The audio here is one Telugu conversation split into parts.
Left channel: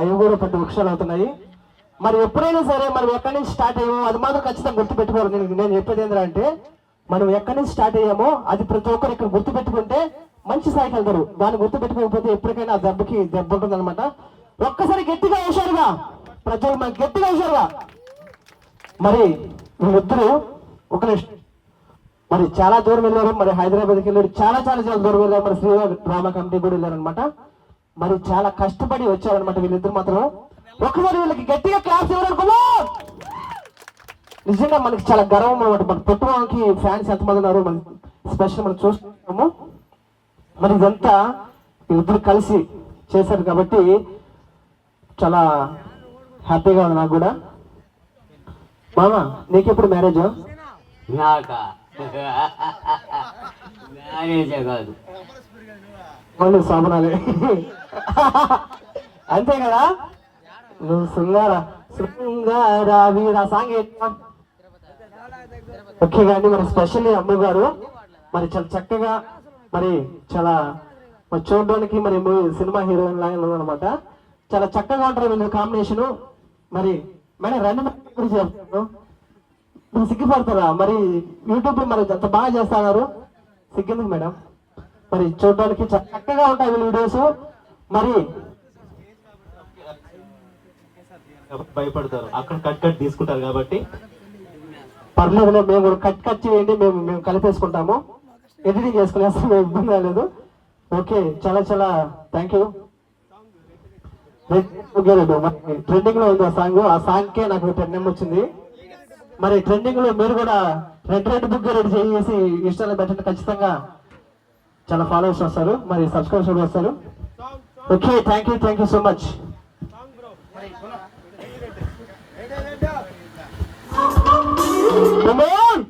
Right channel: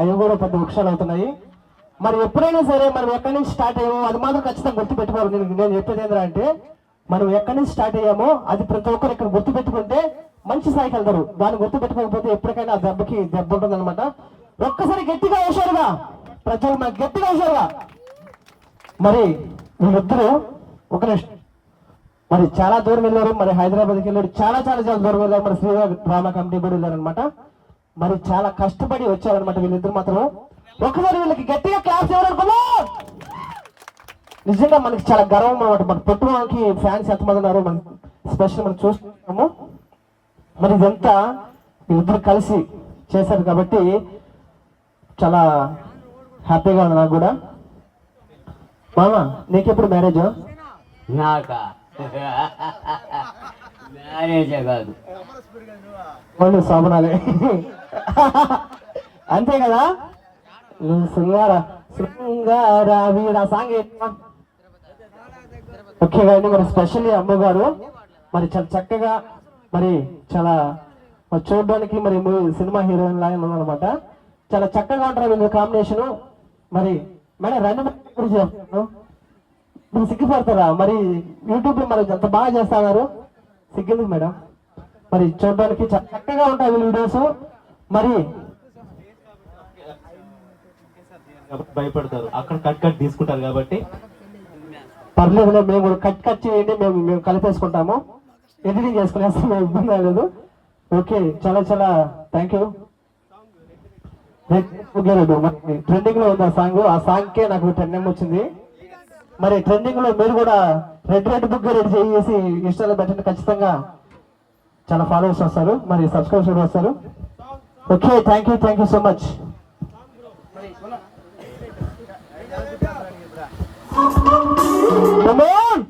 అవి కూడా పెద్ద వృక్షాలు అవుతున్నాయి. మరి ఎప్పుడైనా సరే మనం ఎక్కడి నుంచి స్టార్ట్ అయ్యామో అది మాత్రం ఖచ్చితంగా గుర్తుపెట్టుకోవాలి. నేను చెప్పేది ఏంటంటే మనం ఎక్కడి నుంచి స్టార్ట్ అయ్యామో అది ప్రతి ఒక్కరు ఇక్కడ గుర్తుపెట్టుకుంటే మంచి స్థాయికి వెళ్తారు. దాన్ని గుర్తుపెట్టుకోకపోతే ఎప్పటికైనా దెబ్బ ఉంటుంది అనమాట. ఒక్కసారి గట్టిగా హుషారుగా ప్రతి ఒక్కరు మనకు గట్టిగా హుషారుగా. మరి వీళ్ళిద్దరూ ఒక మరి చాలా దూరం వెళ్ళారు. మరి హైదరాబాద్కి వెళ్ళారు, చాలా చాలా చాలా దూరం వెళ్ళారు. మరి శ్రీరామ్ డ్రామా కమిటీ కూడా వెళ్ళారనమాట. మరి చాలా కష్టపడి వచ్చారనమాట వీళ్ళిద్దరు మాత్రం. ఒకసారి వీళ్ళకి గట్టిగా క్లాస్ ఎవరనుకున్నా నిజంగా మనకి చాలా గర్వం అన్నమాట. మన పొట్టువాకి ఫ్యాన్స్ ఎంతమంది ఉన్నారు మనం స్పెషల్ మనం చూస్తున్నాము. మరి ఇదంతా వీళ్ళిద్దరు కలిసి చేశారు కాబట్టి చాలా హ్యాపీగా ఉంది నాకు కూడా. మామ నీకెప్పుడు మ్యారేజ్? నాకా మ్యారేజే కాదు, వాళ్ళు శోభనాలే అంతే కదా. శృంగార వీర సాంగ్ ఓకే కానీ మరి స్పెషల్లీ అమ్మ గారు మరి చాలా చక్కగా మరి చాలా చూడడానికి మరి సినిమా హీరోయిన్ లాగా అనమాట. చాలా చక్కగా ఉంటారు వీళ్ళు కాంబినేషన్. మరి మేడం రెండు చేస్తాను ఇప్పుడు సిగ్గుపడతారా? మరి యూట్యూబ్ లో మరి ఎంత బాగా చేస్తున్నారు, సిగ్గింది మేడం. మరి చూడడానికి చాలా చక్కగా ఉంటాయి వీళ్ళు వీడియోస్. మరి భయపడతారు, అక్కడ కట్ తీసుకుంటారు కాబట్టి పర్లేదు. మేము కట్ చేయండి, మేము కలిపేసుకుంటాము, ఎడిటింగ్ చేసుకునేస్తాం, మేము ఇబ్బంది లేదు. ఓకే చాలా చాలా థ్యాంక్ యూ. ట్రెండింగ్ లో ఉంది సాంగ్, ఆ సాంగ్ కే నాకు 10M వచ్చింది. మరి ట్రెండింగ్ లో మీరు కూడా రెడ్ బుక్ రెడీ చేసి ఇన్స్టాలో పెట్టండి, ఖచ్చితంగా చాలా ఫాలోవర్స్ వస్తారు, మరి సబ్స్క్రైబర్స్ కూడా వస్తారు. Okay thank you so much. Come on!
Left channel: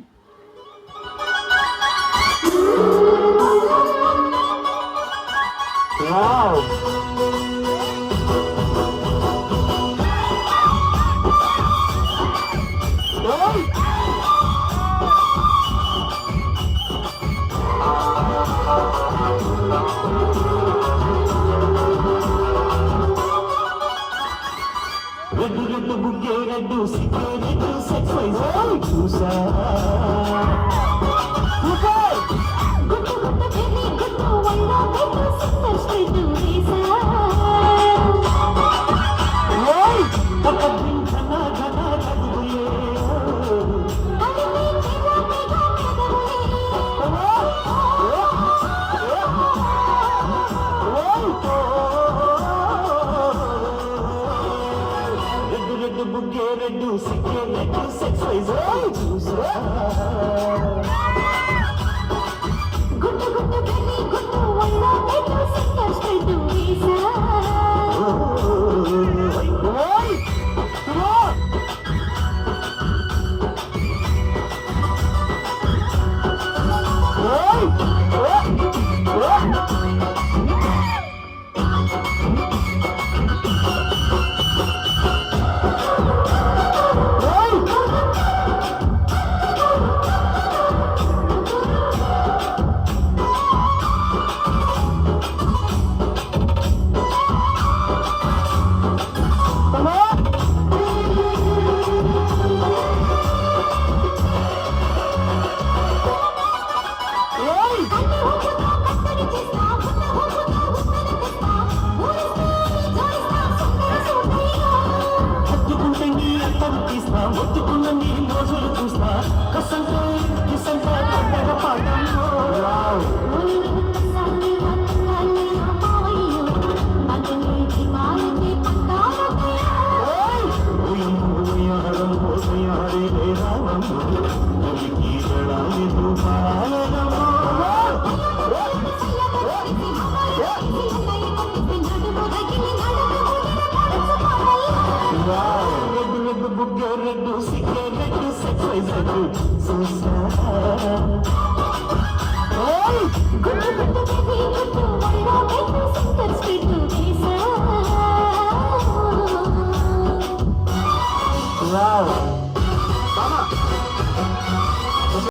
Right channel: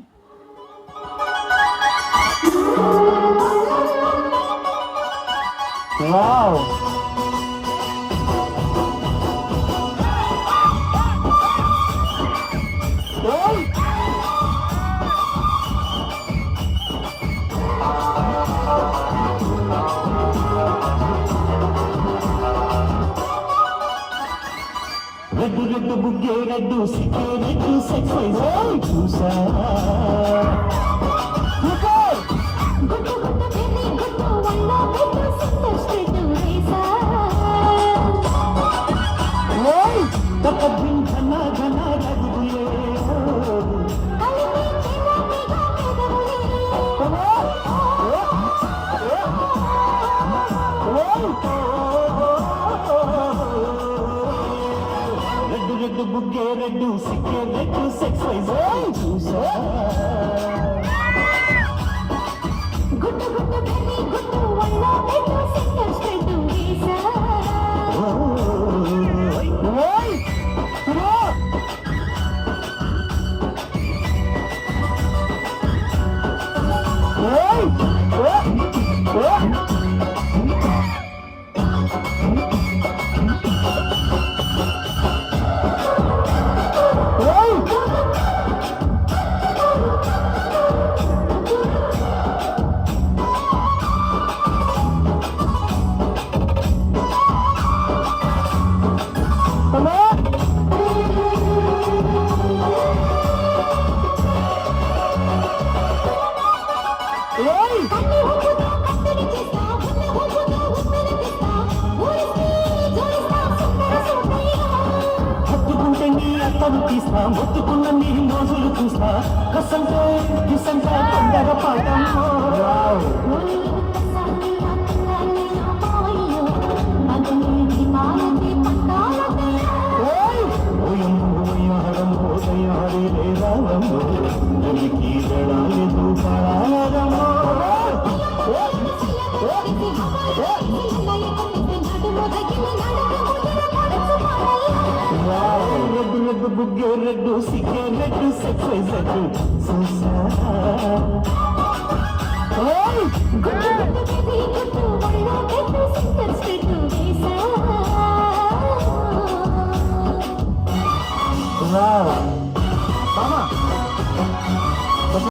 Wow! Red బుగ్గే రెడ్డు సిగ్గే రెడ్డు సెక్స్ చూసా మొత్తుకున్న నీ మోజులు చూస్తా కసంతో కిసంతా తొందర పాటంలో రెడ్డు సిగ్గే రెడ్డు సెక్స్